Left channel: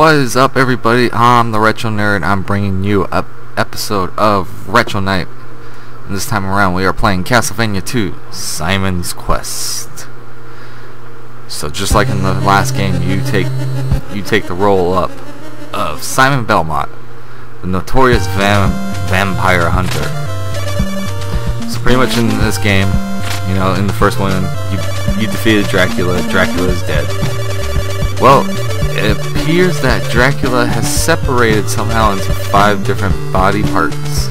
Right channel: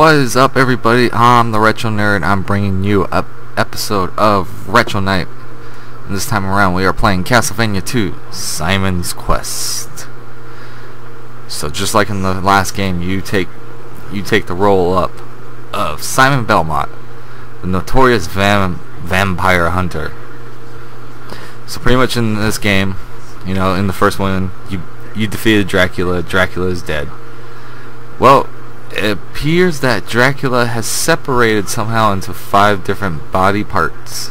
What is up, everybody? I'm the Retro Nerd. I'm bringing you an episode of Retro Night. And this time around we are playing Castlevania 2, Simon's Quest. So just like in the last game, you take the role up of Simon Belmont, the notorious vampire hunter. So pretty much in this game, you know, in the first one, you defeated Dracula. Dracula is dead. Well, it appears that Dracula has separated somehow into 5 different body parts,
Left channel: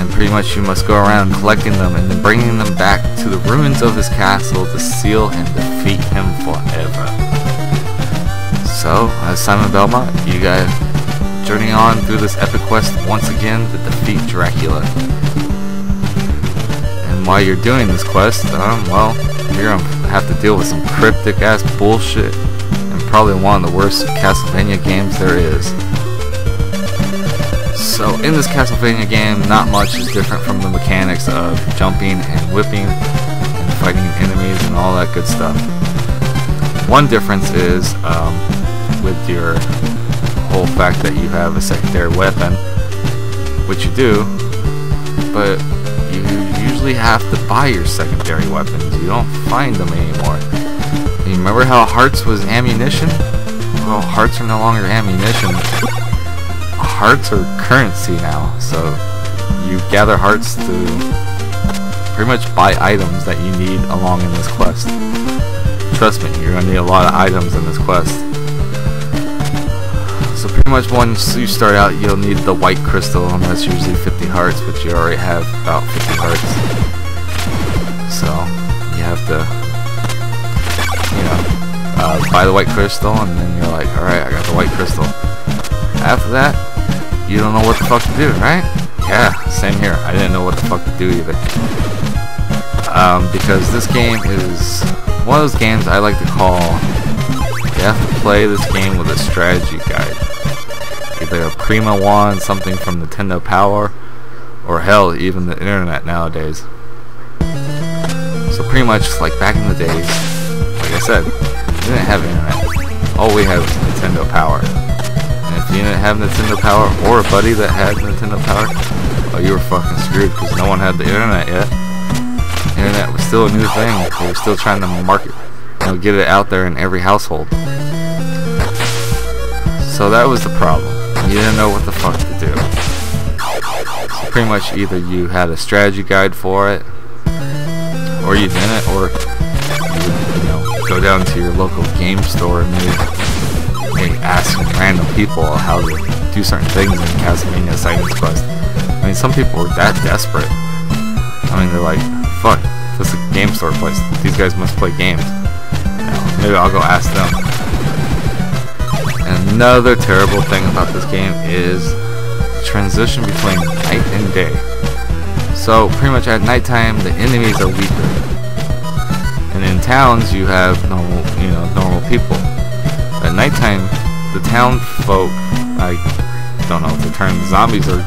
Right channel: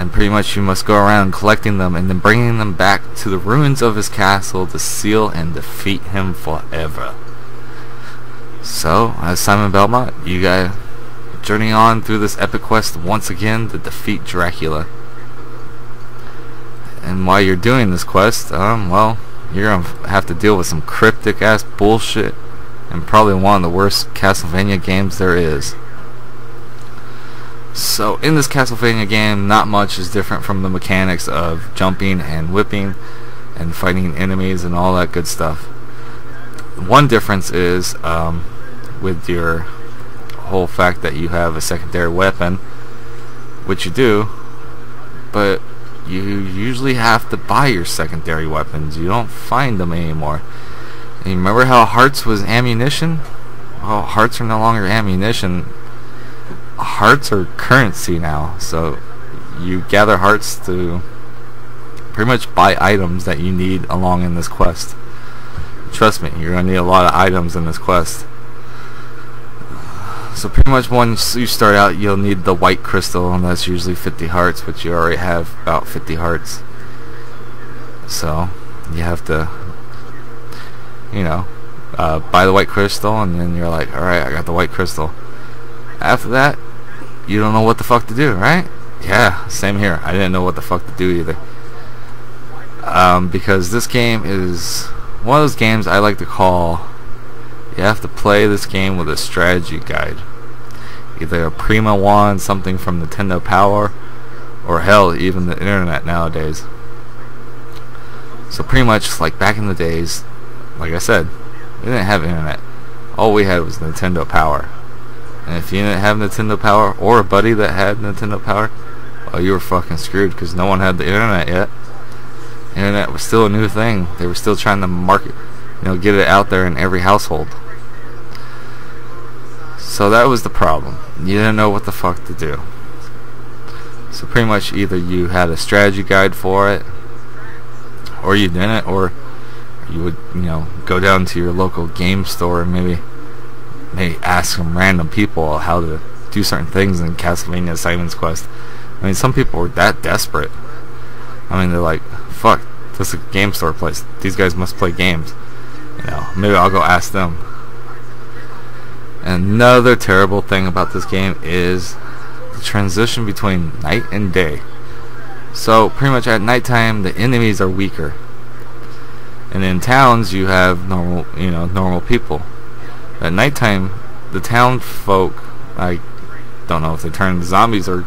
and pretty much you must go around collecting them and then bringing them back to the ruins of his castle to seal and defeat him forever. So, as Simon Belmont, you guys journey on through this epic quest once again to defeat Dracula. And while you're doing this quest, well, you're gonna have to deal with some cryptic ass bullshit. And probably one of the worst Castlevania games there is. So in this Castlevania game, not much is different from the mechanics of jumping and whipping and fighting enemies and all that good stuff. One difference is with your whole fact that you have a secondary weapon, which you do, but you usually have to buy your secondary weapons. You don't find them anymore. You remember how hearts was ammunition? Well, hearts are no longer ammunition. Hearts are currency now. So you gather hearts to pretty much buy items that you need along in this quest. Trust me, you're gonna need a lot of items in this quest. So pretty much once you start out, you'll need the white crystal, and that's usually 50 hearts, but you already have about 50 hearts. So you have to, you know, buy the white crystal, and then you're like, alright, I got the white crystal. After that, you don't know what the fuck to do, right? Yeah, same here. I didn't know what the fuck to do either. Because this game is one of those games I like to call, you have to play this game with a strategy guide. Either a Prima one, something from Nintendo Power, or hell, even the internet nowadays. So pretty much like back in the days, like I said, we didn't have internet. All we had was Nintendo Power. And if you didn't have Nintendo Power, or a buddy that had Nintendo Power, well, you were fucking screwed, because no one had the internet yet. Internet was still a new thing. They were still trying to market, you know, get it out there in every household. So that was the problem. You didn't know what the fuck to do. So pretty much either you had a strategy guide for it, or you didn't, or you would, you know, go down to your local game store and maybe ask some random people how to do certain things in Castlevania Simon's Quest. I mean, some people were that desperate. I mean, they're like, fuck, this is a game store place. These guys must play games. You know, maybe I'll go ask them. And another terrible thing about this game is the transition between night and day. So pretty much at nighttime, the enemies are weaker. And in towns, you have normal people. At nighttime, the town folk, I don't know if they turn zombies or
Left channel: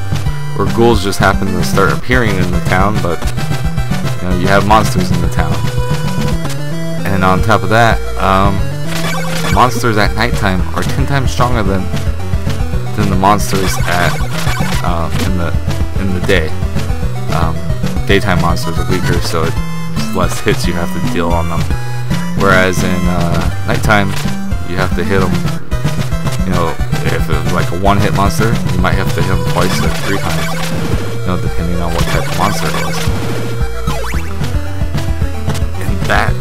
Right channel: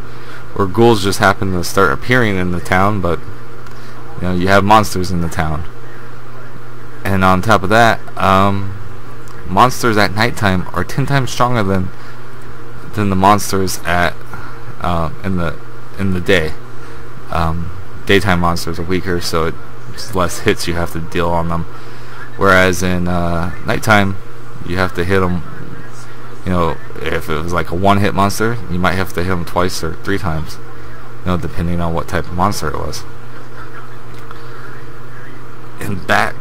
ghouls just happen to start appearing in the town, but you know, you have monsters in the town. And on top of that, monsters at nighttime are 10 times stronger than the monsters at in the day. Daytime monsters are weaker, so it's less hits you have to deal on them. Whereas in nighttime, you have to hit them. You know, if it was like a one-hit monster, you might have to hit them twice or 3 times. You know, depending on what type of monster it was. And back.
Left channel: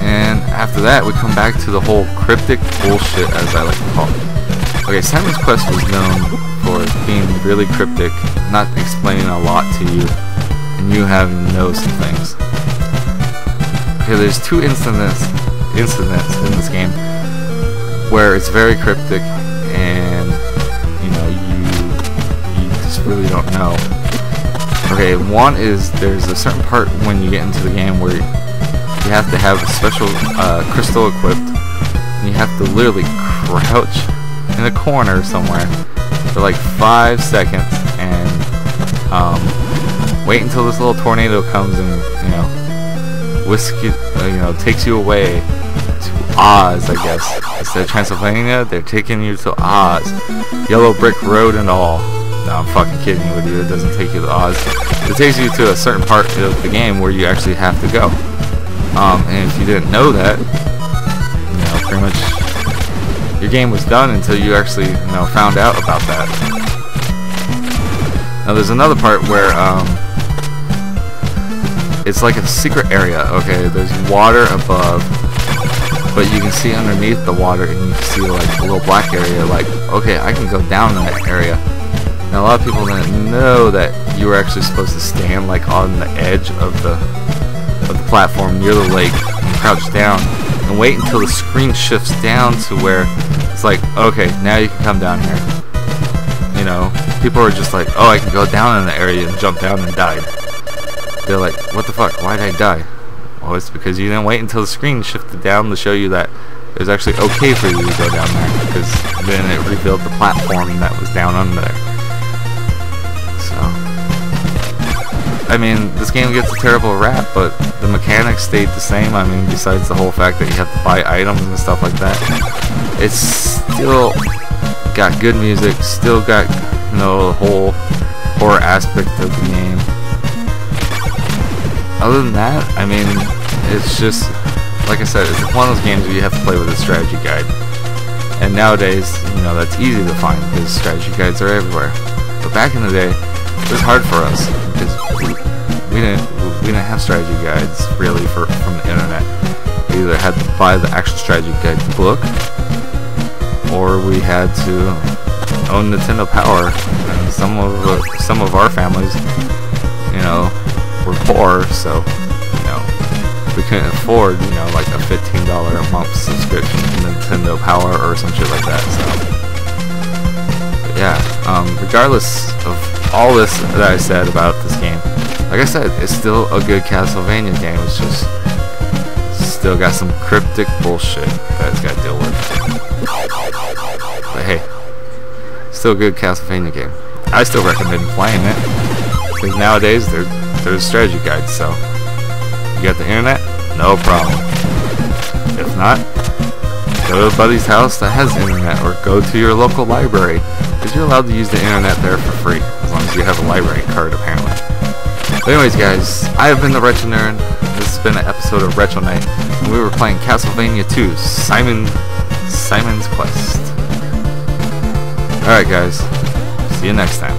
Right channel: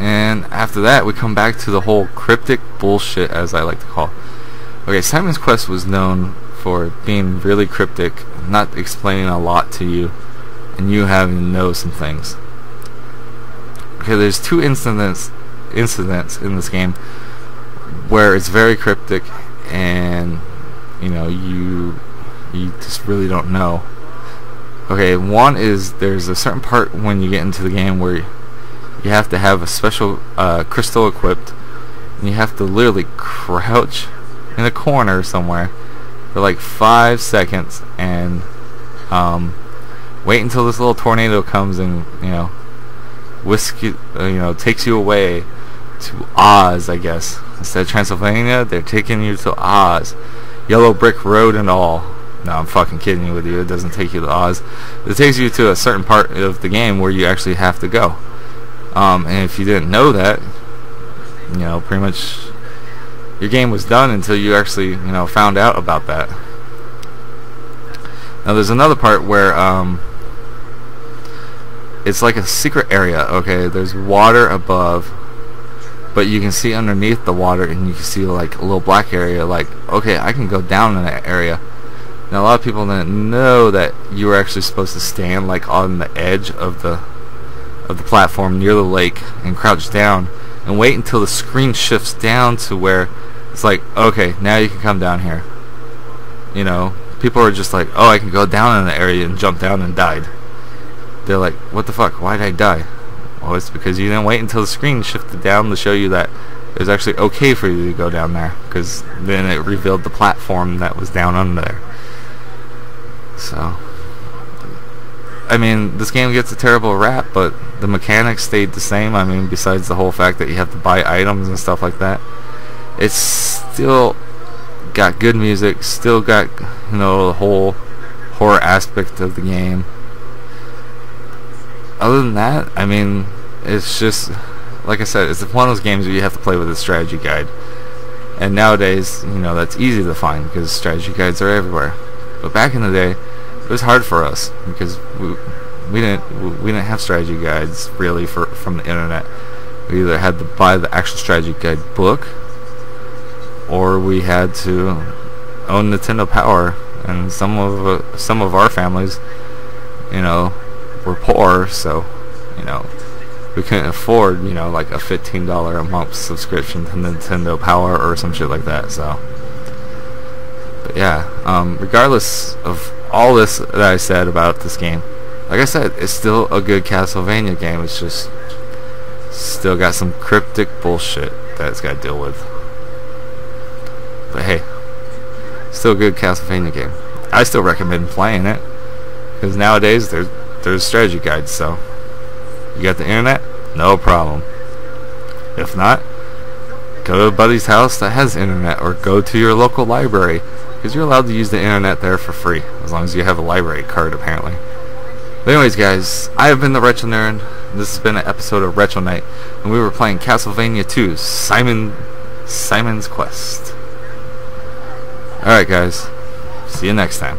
And after that, we come back to the whole cryptic bullshit, as I like to call it. Okay, Simon's Quest was known for being really cryptic, not explaining a lot to you, and you having to know some things. Okay, there's 2 incidents in this game where it's very cryptic, and you know, you just really don't know. Okay, one is there's a certain part when you get into the game where you have to have a special crystal equipped, and you have to literally crouch in a corner somewhere for like 5 seconds and wait until this little tornado comes and, you know, takes you away to Oz, I guess. Instead of Transylvania, they're taking you to Oz. Yellow brick road and all. No, I'm fucking kidding with you. It doesn't take you to Oz. It takes you to a certain part of the game where you actually have to go. And if you didn't know that, you know, pretty much your game was done until you actually, you know, found out about that. Now there's another part where it's like a secret area. Okay, there's water above, but you can see underneath the water, and you can see like a little black area. Like, okay, I can go down in that area. Now a lot of people didn't know that you were actually supposed to stand like on the edge of the platform near the lake and crouch down and wait until the screen shifts down to where it's like, okay, now you can come down here. You know, people are just like, oh, I can go down in the area and jump down and died. They're like, what the fuck? Why'd I die? Well, it's because you didn't wait until the screen shifted down to show you that it was actually okay for you to go down there, because then it revealed the platform that was down under there. So, I mean, this game gets a terrible rap, but the mechanics stayed the same. I mean, besides the whole fact that you have to buy items and stuff like that, it's still got good music, still got, you know, the whole horror aspect of the game. Other than that, I mean, it's just, like I said, it's one of those games where you have to play with a strategy guide. And nowadays, you know, that's easy to find because strategy guides are everywhere. But back in the day, it was hard for us because we didn't have strategy guides really from the internet. We either had to buy the actual strategy guide book, or we had to own Nintendo Power. And some of our families, you know, were poor, so, you know, we couldn't afford, you know, like a $15 a month subscription to Nintendo Power or some shit like that. So, but yeah, regardless of all this that I said about this game, like I said, it's still a good Castlevania game. It's just still got some cryptic bullshit that it's got to deal with. But hey, still a good Castlevania game. I still recommend playing it because nowadays there's strategy guides. So you got the internet, no problem. If not, go to a buddy's house that has internet, or go to your local library, because you're allowed to use the internet there for free as long as you have a library card, apparently. But anyways, guys, I have been the Retro Nerd. This has been an episode of Retro Night, and we were playing Castlevania 2, Simon's Quest. Alright guys, see you next time.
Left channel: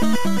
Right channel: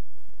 You